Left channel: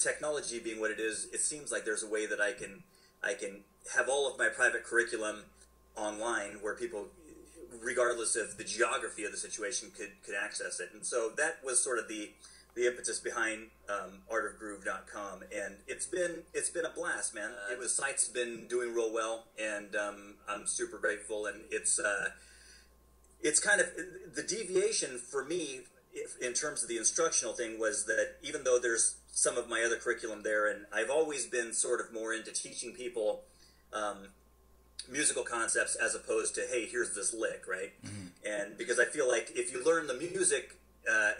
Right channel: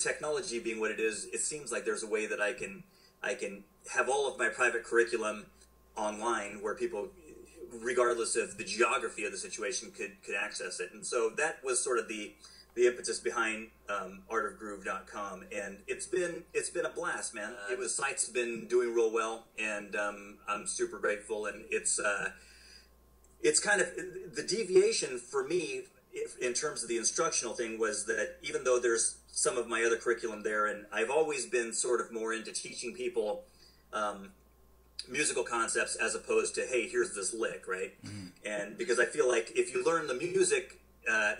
with technology being what it is, it seems like there's a way that I can have all of my private curriculum online where people, regardless of the geography of the situation, could access it. And so that was sort of the impetus behind artofgroove.com, and it's been a blast, man. The site's been doing real well, and I'm super grateful. And it's kind of the deviation for me in terms of the instructional thing was that even though there's some of my other curriculum there, and I've always been sort of more into teaching people musical concepts as opposed to, hey, here's this lick, right? Mm-hmm. And because I feel like if you learn the music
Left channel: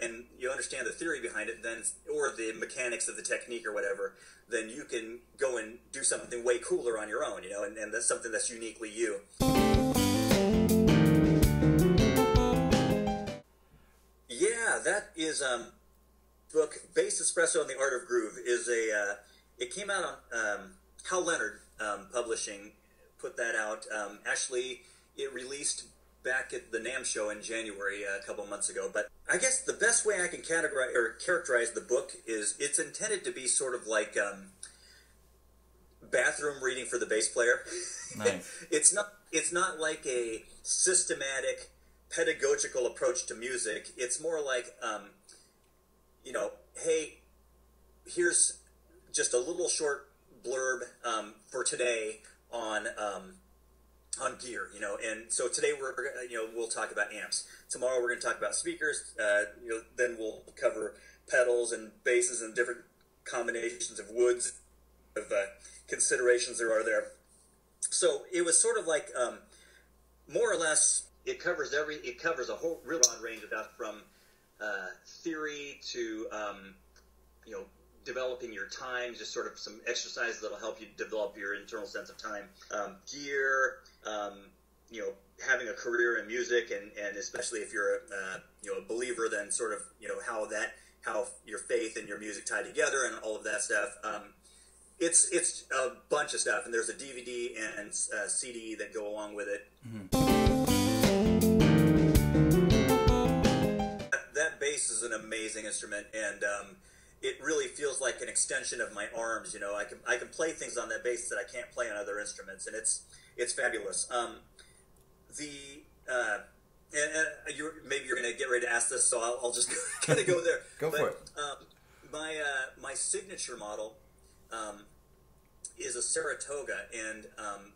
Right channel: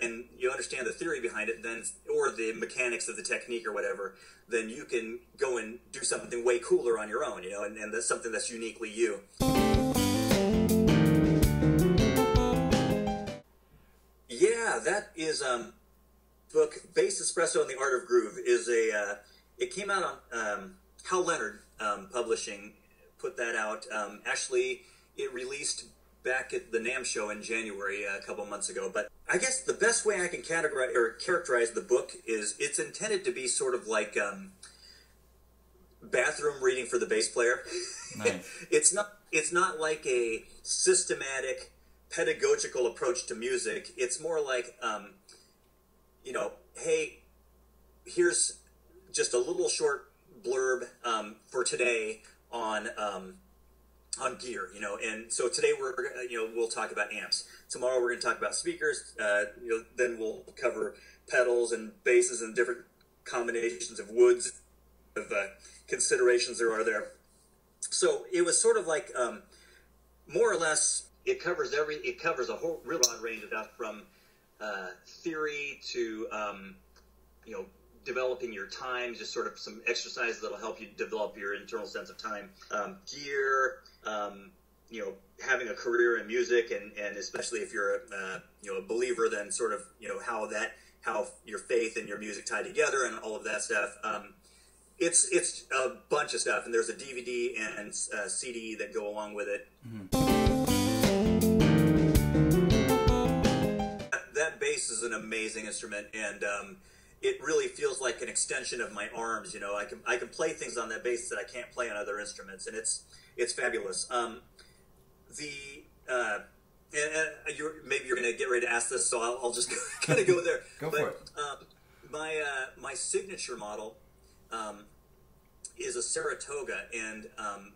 and you understand the theory behind it, then, or the mechanics of the technique or whatever, then you can go and do something way cooler on your own, you know, and that's something that's uniquely you. Yeah, that is book, Bass Espresso and the Art of Groove, is it came out on Hal Leonard Publishing, put that out. Actually, it released back at the NAMM show in January a couple months ago. But I guess the best way I can characterize the book is it's intended to be sort of like bathroom reading for the bass player. Nice. It's not like a systematic pedagogical approach to music. It's more like you know, hey, here's just a little short blurb for today on gear, you know. And so today we'll talk about amps. Tomorrow we're going to talk about speakers. Then we'll cover pedals and basses and different combinations of woods, of considerations there are there. So it was sort of like more or less it covers a whole real broad range of stuff, from theory to developing your time, just sort of some exercises that'll help you develop your internal sense of time, gear, having a career in music, and especially if you're a believer, then sort of how your faith and your music tie together and all of that stuff. It's a bunch of stuff, and there's a DVD and CD that go along with it. Mm-hmm. That bass is an amazing instrument, and it really feels like an extension of my arms. You know, I can play things on that bass that I can't play on other instruments, and it's fabulous. Maybe you're going to get ready to ask this, so I'll just kind of go there. For it. My signature model is a Saratoga, and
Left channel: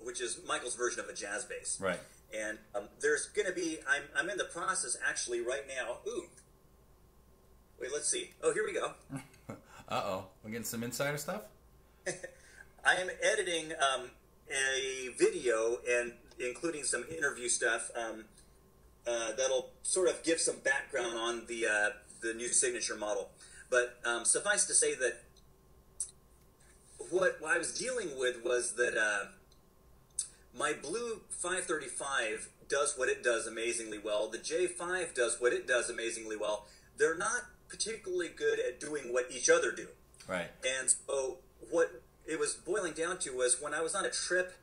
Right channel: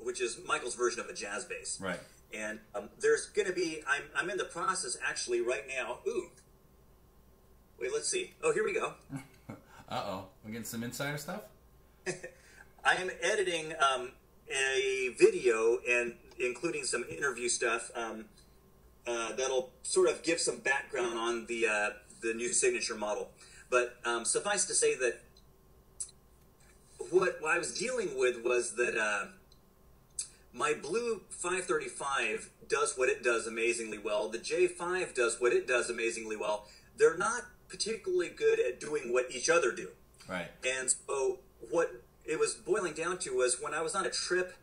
which is Michael's version of a jazz bass. Right. And there's going to be I'm in the process actually right now. Ooh. Wait, let's see. Oh, here we go. Uh-oh. We're getting some insider stuff? I am editing a video and including some interview stuff that'll sort of give some background on the new signature model. But suffice to say that what I was dealing with was that my blue 535 does what it does amazingly well. The J5 does what it does amazingly well. They're not particularly good at doing what each other do. Right. And so what it was boiling down to was when I was on a trip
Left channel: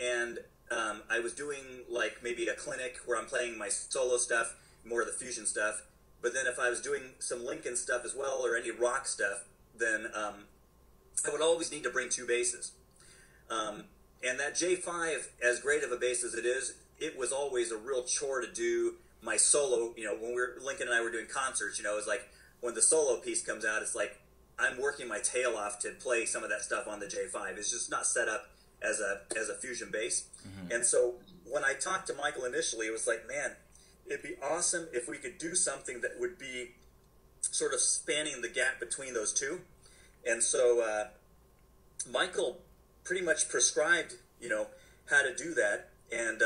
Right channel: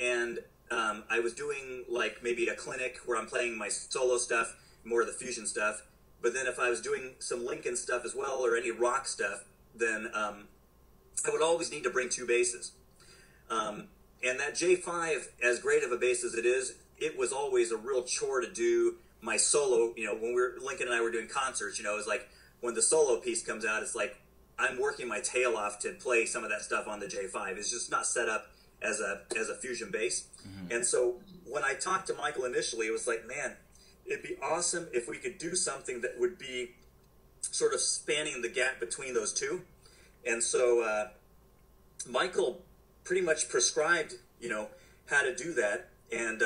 and I was doing like maybe a clinic where I'm playing my solo stuff, more of the fusion stuff, but then if I was doing some Lincoln stuff as well or any rock stuff, then I would always need to bring two basses. And that J5, as great of a bass as it is, it was always a real chore to do my solo. You know, when Lincoln and I were doing concerts, you know, it was like when the solo piece comes out, it's like I'm working my tail off to play some of that stuff on the J5. It's just not set up as a fusion bass. Mm-hmm. And so when I talked to Michael initially, it was like, man, it'd be awesome if we could do something that would be sort of spanning the gap between those two. And so Michael pretty much prescribed, you know, how to do that. And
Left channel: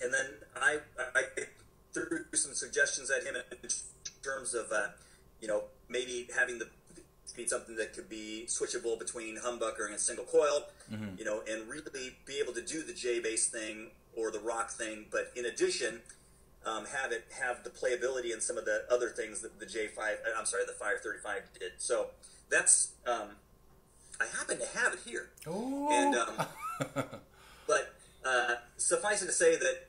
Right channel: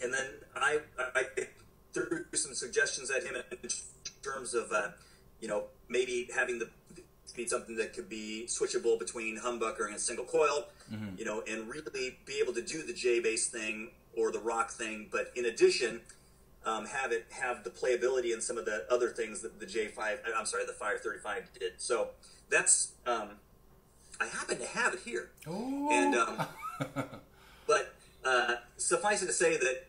then I threw some suggestions at him in terms of, maybe having be something that could be switchable between humbucker and single coil, mm-hmm. you know, and really be able to do the J bass thing or the rock thing, but in addition, have the playability and some of the other things that the 535 did. So that's I happen to have it here. Ooh. And but suffice it to say that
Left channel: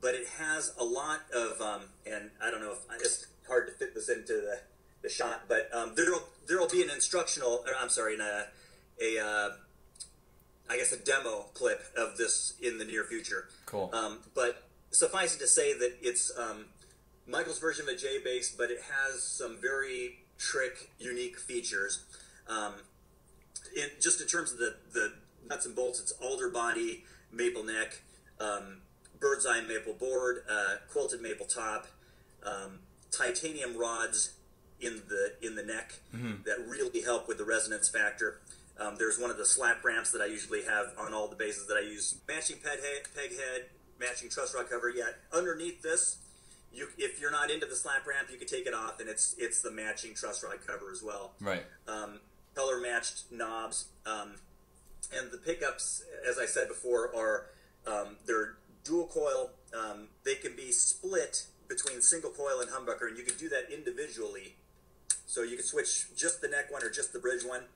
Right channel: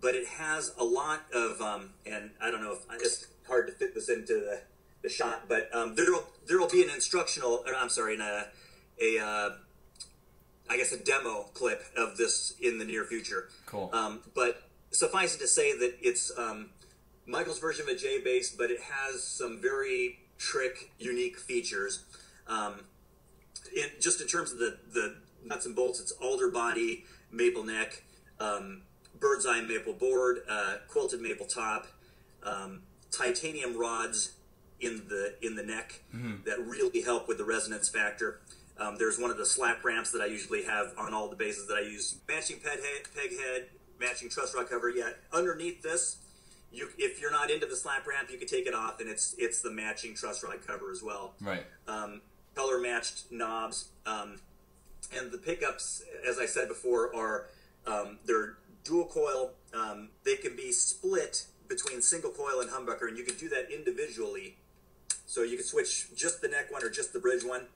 but it has a lot of and I don't know if it's hard to fit this into the shot, but there'll be an instructional. I'm sorry, I guess a demo clip of this in the near future. Cool. But suffice it to say that it's Michael's version of a J bass, but it has some very unique features. Just in terms of the nuts and bolts, it's alder body, maple neck, bird's eye maple board, quilted maple top, titanium rods in the neck that really help with the resonance factor. There's one of the slap ramps that I usually have on all the basses that I use. Matching peg head, matching truss rod cover. Yeah, underneath this, if you're not into the slap ramp, you can take it off, and it's the matching truss rod cover as well. Right. Color matched knobs, and the pickups, as I said before, are they're dual coil. They can be split between single coil and humbucker, and you can do that individually. So you can switch just the neck one or just the bridge one.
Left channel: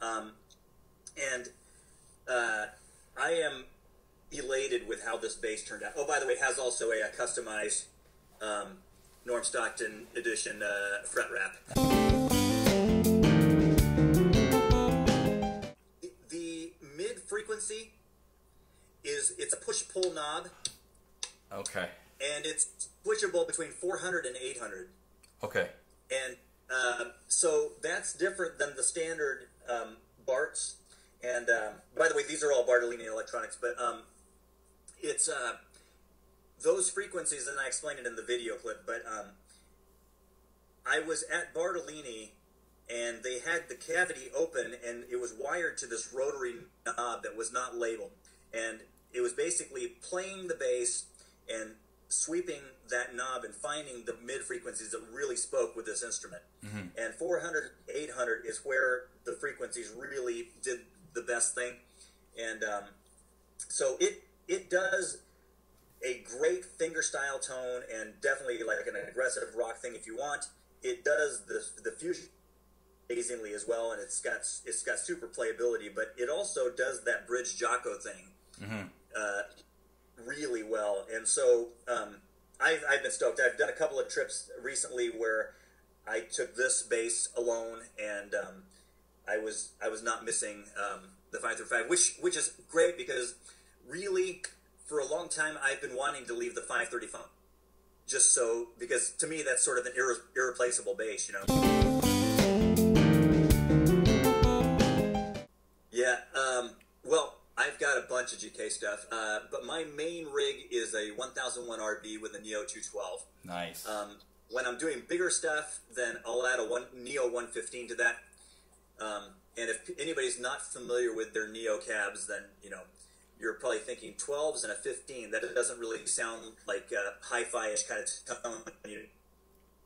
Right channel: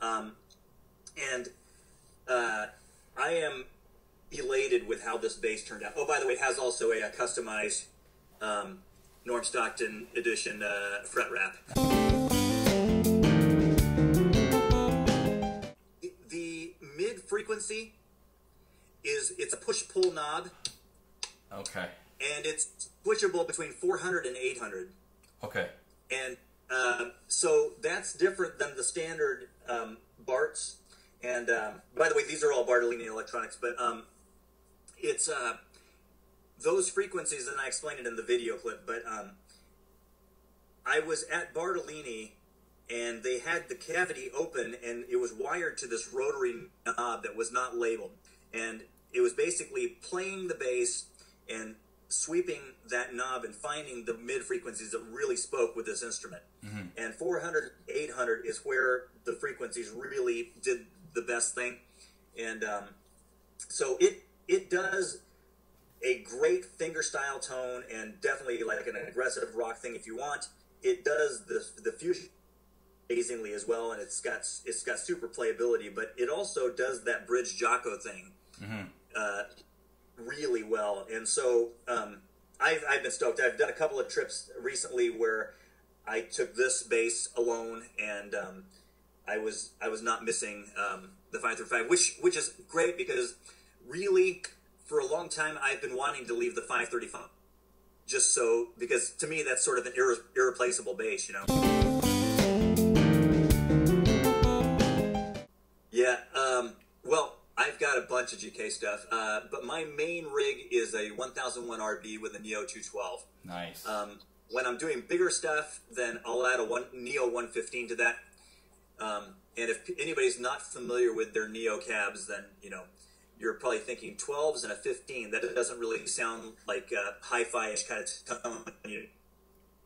I am elated with how this bass turned out. Oh, by the way, it has also a customized Norm Stockton edition fret wrap. The mid frequency it's a push-pull knob. Okay. And it's switchable between 400 and 800. Okay. And so that's different than the standard Barts. And by the way, these are all Bartolini electronics, but it's those frequencies, and I explained it in the video clip, but I was at Bartolini, and they had the cavity open, and it was wired to this rotary knob that was not labeled. And it was basically playing the bass and sweeping that knob and finding the mid frequencies that really spoke with this instrument. Mm-hmm. And 400, 800 is where the frequencies really did the best thing. And so it does a great fingerstyle tone, and definitely like an aggressive rock thing if you want. It does the fusion amazingly as well, and it's got super playability, but it also does that bridge Jocko thing really well. And so I've been stoked. I've done a couple of trips recently where I took this bass alone, and I was not missing the 535, which is great, because really for a long time I've been wanting to leave the 535, because to me that's sort of an irreplaceable bass, you know. Yeah. Well, I've got a bunch of GK stuff, but my main rig is a 1001 RB with a Neo 212. Nice. When I'm doing bigger stuff, then I'll add a Neo 115 to that. And if anybody's not familiar with their Neo cabs, then you're probably thinking 12s and a 15. That doesn't really sound like a hi-fi-ish kind of tone. You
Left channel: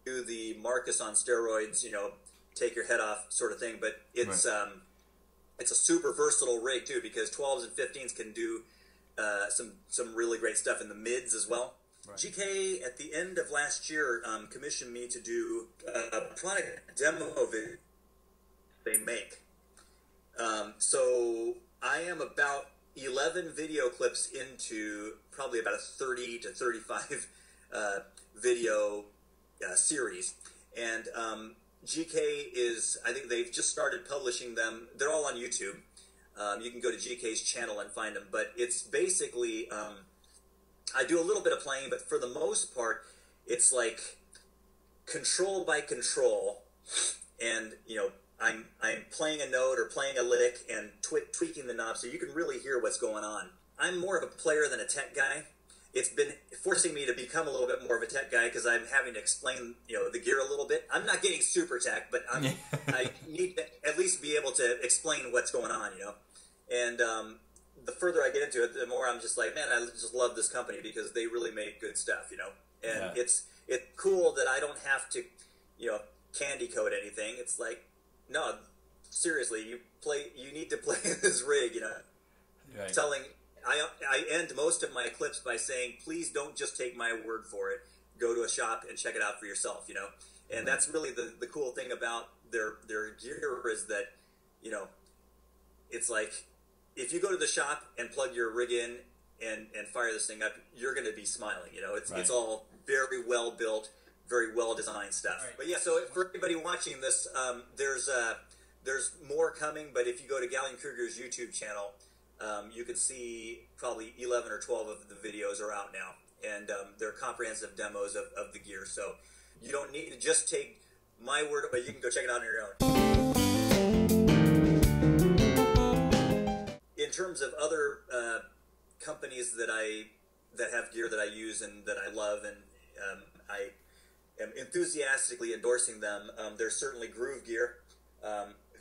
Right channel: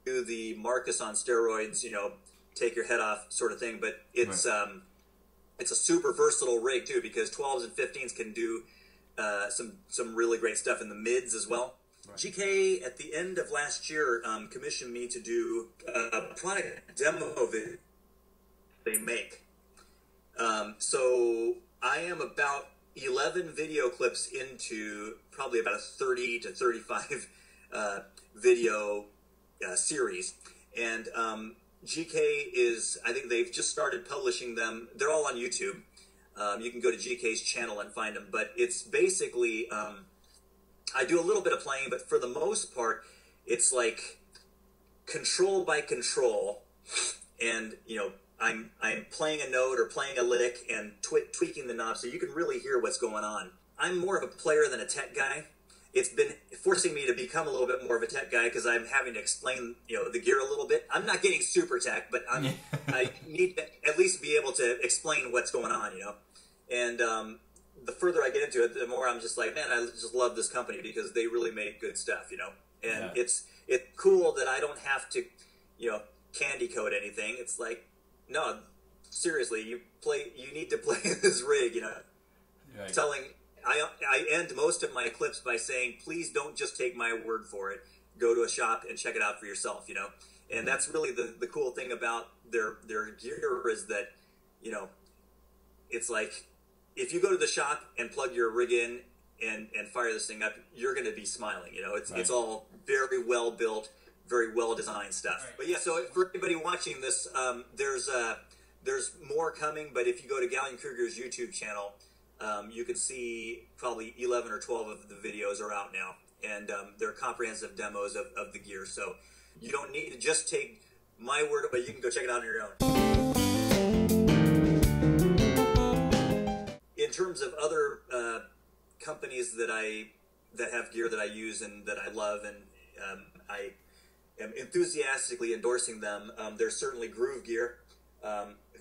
do the Marcus on steroids, take your head off sort of thing. But it's right. It's a super versatile rig too, because 12s and 15s can do some really great stuff in the mids as well. Right. GK at the end of last year commissioned me to do a product demo video they make. So I am about 11 video clips into probably about a 30 to 35 video series, and GK is, I think they've just started publishing them. They're all on YouTube. You can go to GK's channel and find them, but it's basically I do a little bit of playing, but for the most part it's like control by control, and I'm playing a note or playing a lick and tweaking the knob so you can really hear what's going on. I'm more of a player than a tech guy. It's been forcing me to become a little bit more of a tech guy, because I'm having to explain the gear a little bit. I'm not getting super tech, but I need to at least be able to explain what's going on, And the further I get into it, the more I'm just like, man, I just love this company because they really make good stuff, And it's cool that I don't have to, candy code anything. It's like, no, seriously, you need to play this rig, Right. Telling, I end most of my clips by saying, please don't just take my word for it. Go to a shop and check it out for yourself, And that's really the cool thing about their gear, is that, it's like, if you go to the shop and plug your rig in and fire this thing up, you're going to be smiling, It's all very well built, very well designed stuff. Right. But yeah, so for anybody watching this, there's more coming. But if you go to Gallien-Krueger's YouTube channel, you can see probably 11 or 12 of the videos are out now, and they're comprehensive demos of the gear. So you don't need to just take my word, but you can go check it out on your own. In terms of other companies that have gear that I use and that I love, and I am enthusiastically endorsing them. There's certainly Gruv Gear,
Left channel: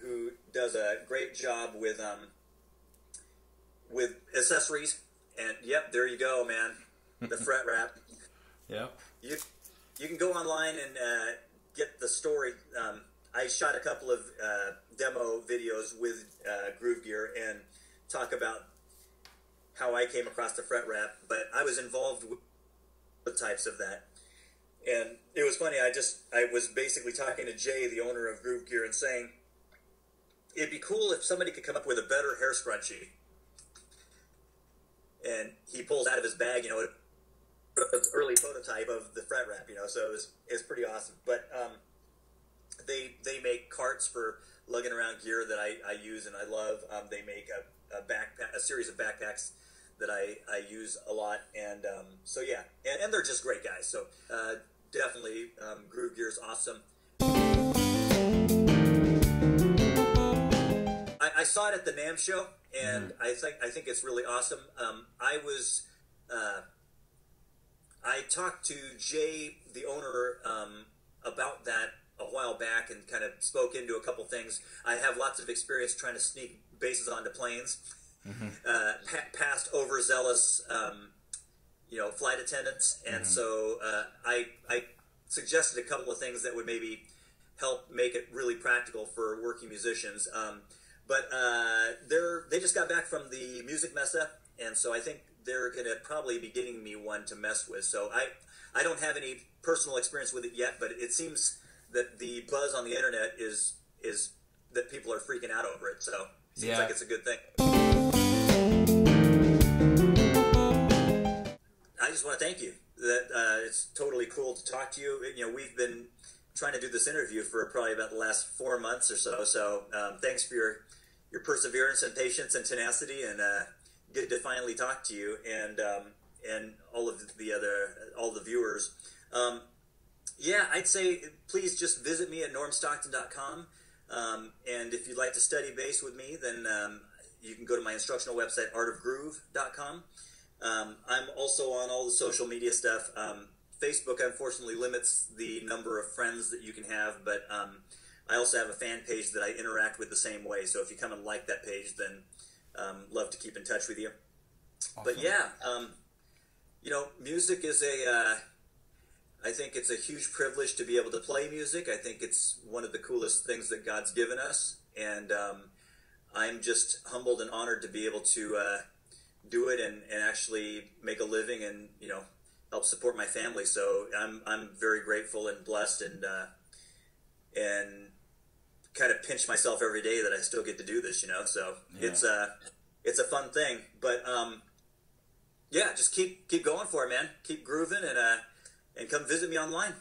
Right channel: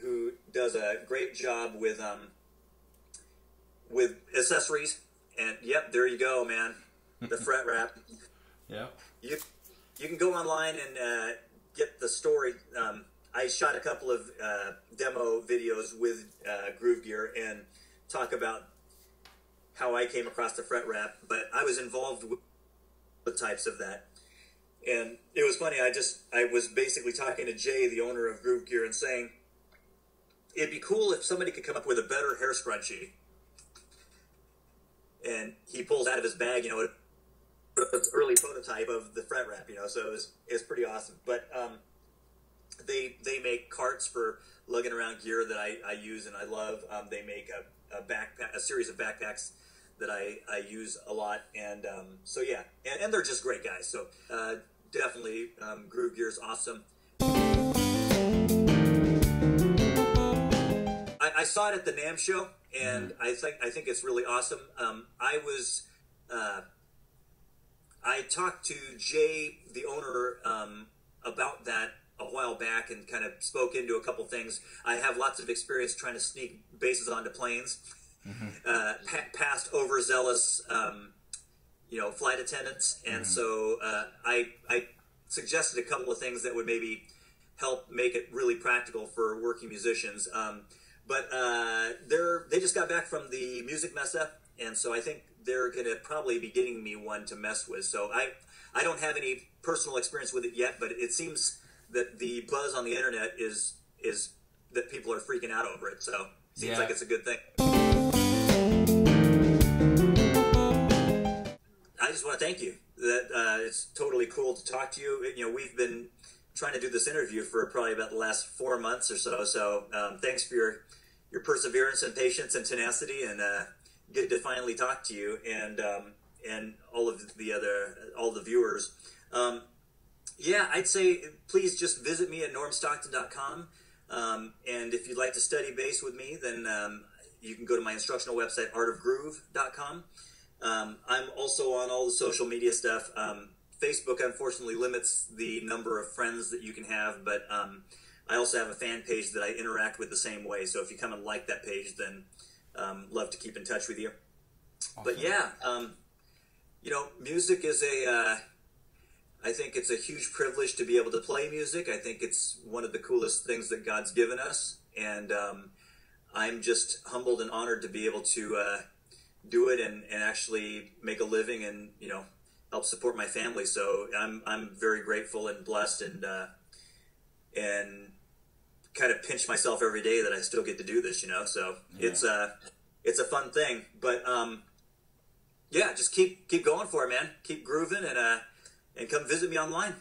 who does a great job with accessories. And yep, there you go, man. The fret wrap. Yep. You can go online and get the story. I shot a couple of demo videos with Gruv Gear and talk about how I came across the fret wrap, but I was involved with the types of that. And it was funny, I was basically talking to Jay, the owner of Gruv Gear, and saying, it'd be cool if somebody could come up with a better hair scrunchie. And he pulls out of his bag, an early prototype of the fret wrap, so it's pretty awesome. But they make carts for lugging around gear that I use and I love. They make a series of backpacks that I use a lot, and so yeah, and they're just great guys. So definitely, Gruv Gear is awesome. I saw it at the NAMM show, and I think it's really awesome. I talked to Jay, the owner, about that a while back, and kind of spoke into a couple things. I have lots of experience trying to sneak basses onto planes. Past overzealous, flight attendants, and so I suggested a couple of things that would maybe help make it really practical for working musicians. But they just got back from the music messa, and so I think they're going to probably be getting me one to mess with. So I don't have any personal experience with it yet, but it seems that the buzz on the internet is that people are freaking out over it. So it seems like it's a good thing. I just want to thank you. That it's totally cool to talk to you. We've been trying to do this interview for probably about the last 4 months or so. So thanks for your perseverance and patience and tenacity, and good to finally talk to you and all of the viewers. I'd say please just visit me at normstockton.com. And if you'd like to study bass with me, then you can go to my instructional website, artofgroove.com. I'm also on all the social media stuff. Facebook, unfortunately, limits the number of friends that you can have, but I also have a fan page that I interact with the same way. So if you come and like that page, then love to keep in touch with you. Awesome. But yeah, music is I think it's a huge privilege to be able to play music. I think it's one of the coolest things that God's given us, and I'm just humbled and honored to be able to do it and actually make a living and help support my family. So I'm very grateful and blessed, and kind of pinch myself every day that I still get to do this. So yeah. It's a fun thing, but just keep going for it, man. Keep grooving, and come visit me online.